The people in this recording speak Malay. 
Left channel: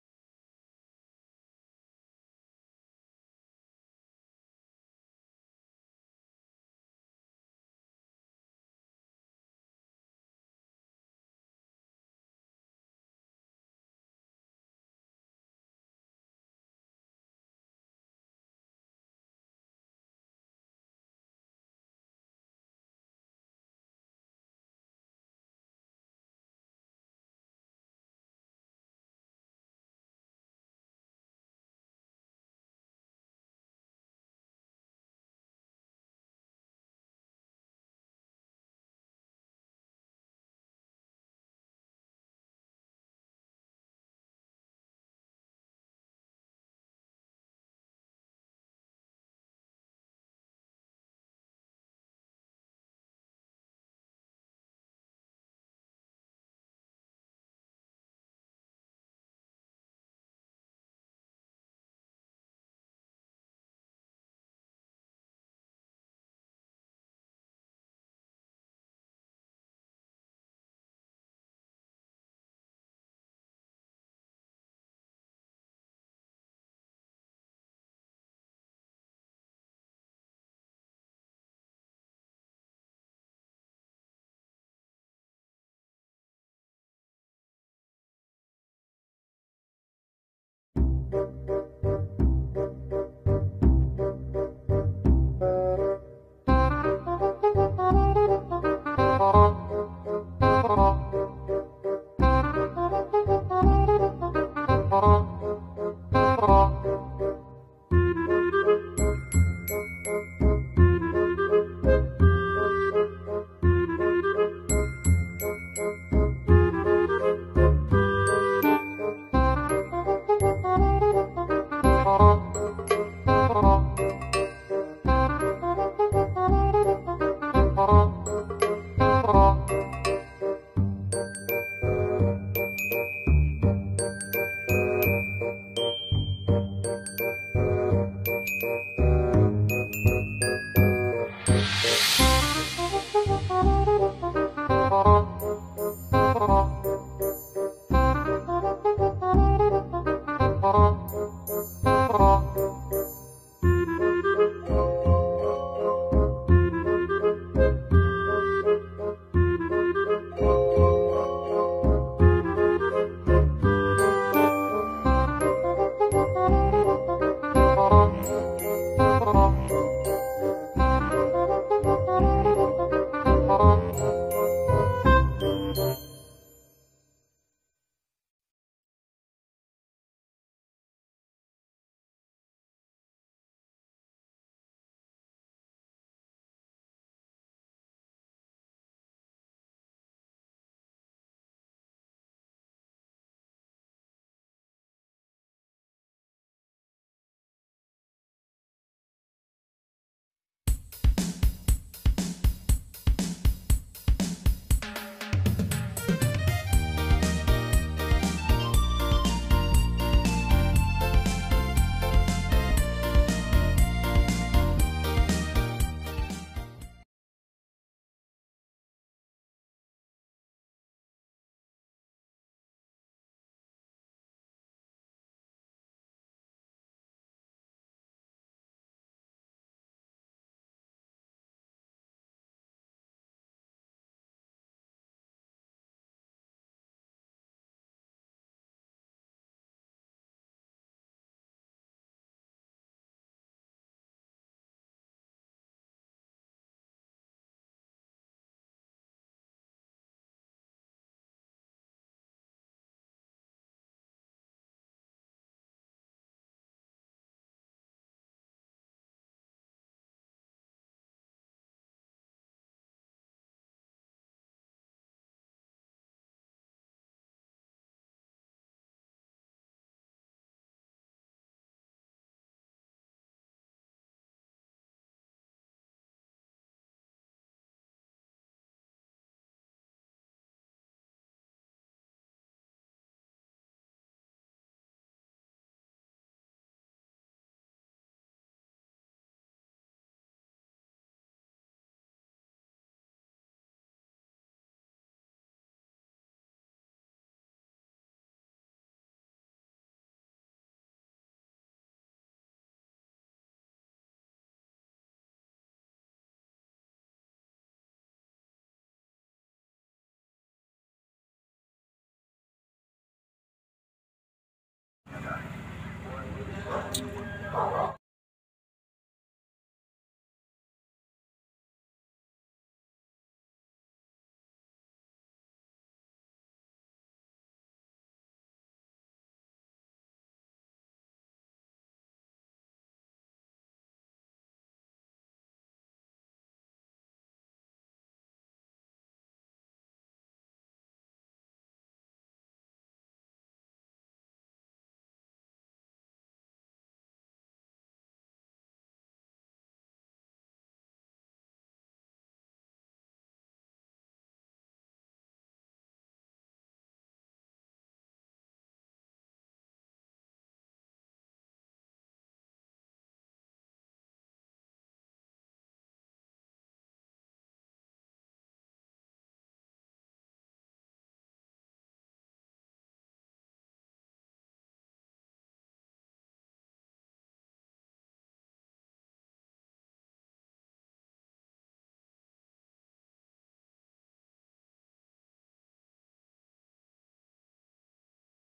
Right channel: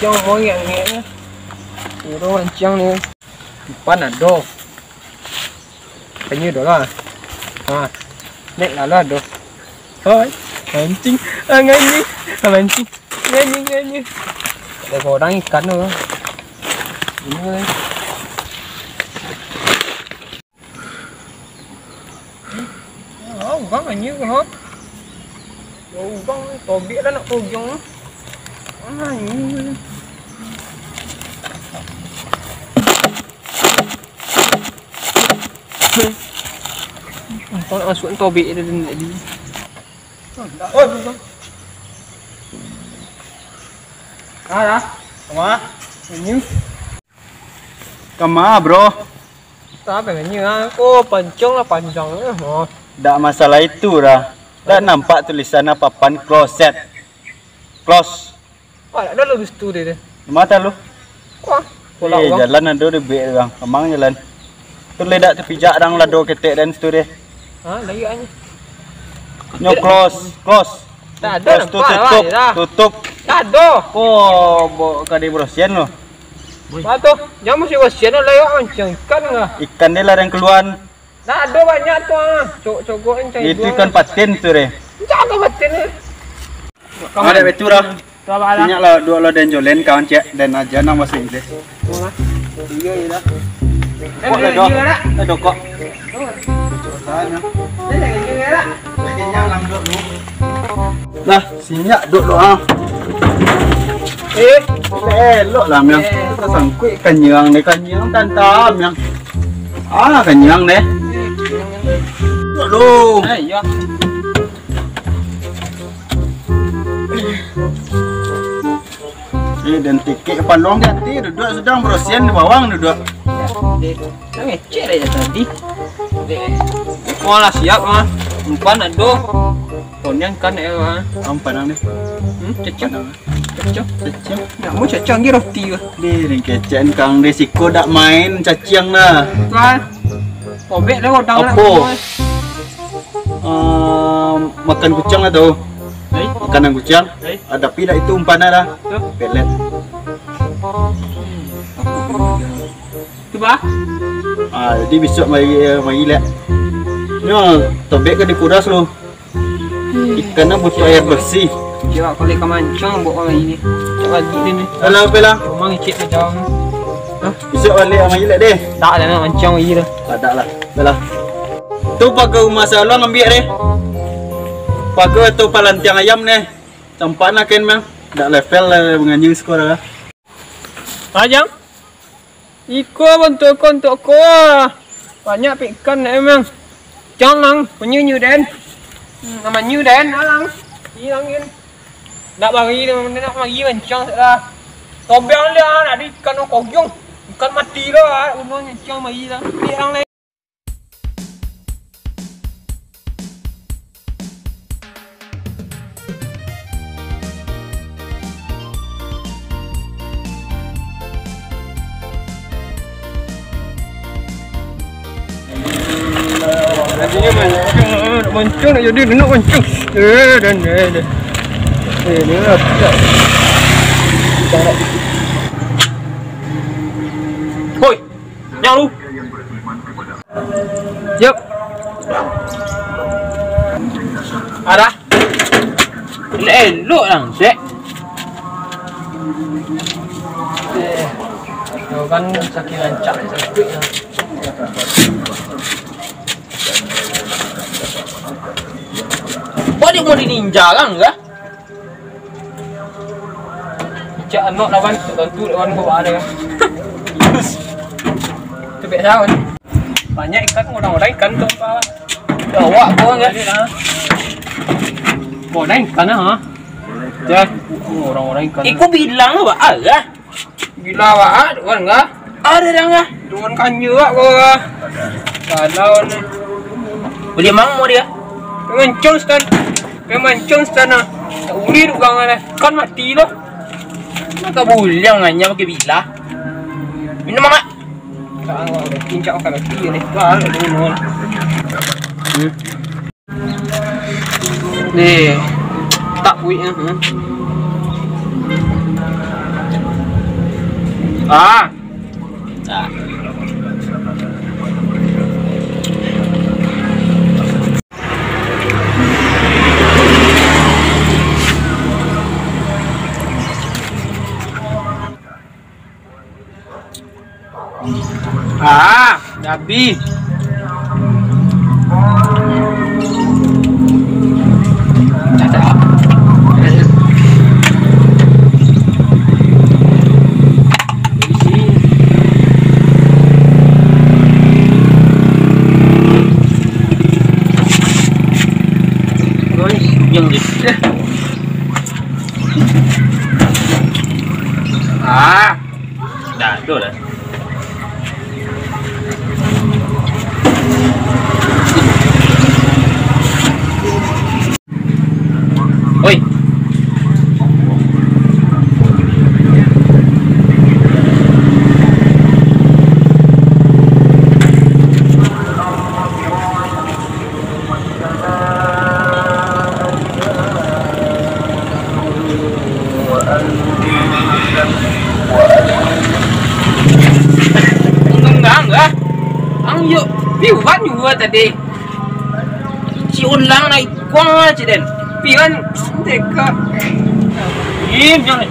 Ancang mau yang ni, orang ancang ni, pan ada, penyu dah lah, nek lah dah, hai, mancing, mancing, mancing, ada orang ikan tu, ini, bang penyu kan, bang tobik dah nak pojong. Ini. Kalau masuk tobik dia tadi. Oh, dah. Kama? Penyu. Kama, bro. Tak penyu ah. Oh, pancong lah panjang. Oh. Tak masalah itu dah. Dah nampak tulisan apa papan closet. Close. Ada lu situ dia. Mata lu. Wah, jalan ada de be bang. Amang jalan. Tu ledak terpijak dang lado ketek dan situ deh. Lagi aja. Nyo close. Tak ada nampak tutup. Tak ada. Oh, kadi brosian lo. Batu, jangan mesti brosian lah ya mancing ikan enggak? Ikan dia lah yang keluar. Tak ada banyak tu Cogokin cari. Itu ikan patin tu deh. Jangan patin ni. Kamu ada betul dah. Banyak lah dua lo dan jolen kawan cek dan aja nama bahasa Inggris. Iya dah. Kok dah. Ada kok. Nah, sinyak duk doa. Elok lah yang. Sangkut kenyang ni kenyang tantam yang. Kenyang deh. Dulu. Ya. Dan tikik pandong nanti duduk sedang berosian di bawang duduk. Ngecek aja tadi. Malah siap mah. Umpan ada. Konyang kan ya. Umpan ni. Cecok. Nak mau cecok ni roti ke? Di kecen kang resiko dak main caciang lah. Kan. Obek dah odang. Apa? Makan kucing lah tu. Makanan kucing. Ada pila itu umpannya lah. Pelet. Coba. Jadi besok mari lihat. Nyo, tobek kan dikuras lo. Ikannya butuh air bersih. Coba kalau ikan mancang buat orang ini. Lagi ni. Alah, pela. Mang cik macam. Besok balik mari lihat deh. Tak ada nak mancang lagi dah. Tak lah. Pela. Tu pakai rumah salon ambil deh. Pakai tu palantiang ayam ni. Campak nak kan mang. Dak level lah menganjing sekolah lah. Ajang. Iko bantu kontok ko. Banyak ikan emang. Jangan penyu den. Nama nyu den alang. Hilangin. Nak bagi nak bagi mancang lah. Tobeng dia nak di ikan kogyong. Ikan mati lah. Umang mancang bagi lah. Hilang lagi. Mancung nak jadi nak mancung. Dan ni lah. Hoi, yang lu. Siap. Ada. Elok lang, Sek. kan sakit lancak sakit. Kok dia mau di ninja kan enggak? Cak anak lawan tentu lawan bawa ada kan. Tu biasa kan. Banyak ikan orang-orang ikan tu apa? Bawa gua enggak? Orang ikan ha. Cak orang-orang ikan. Iku bilang apa? Agak. Gila awak kan enggak? Ada dah enggak? Tuan kanyu awak gua. Kalau ni Boleh mau dia. mengancung stan. Mengancung stan ah. Tak uli tu gang kan mati loh. Maka boleh nganya pakai bila. Minum mak. Sekarang awak dah pincak kan mati ni. Wah, ada minum. Ni tak wik ah. Ah. Ah. Ah, dah habis. Tak tak. Yang ni. Ah, Dah, tu dah. Oi. Enggak. Ang yuk, piwan juga tadi. Si ulang naik kuang aja den. pian dekat. Im jangan.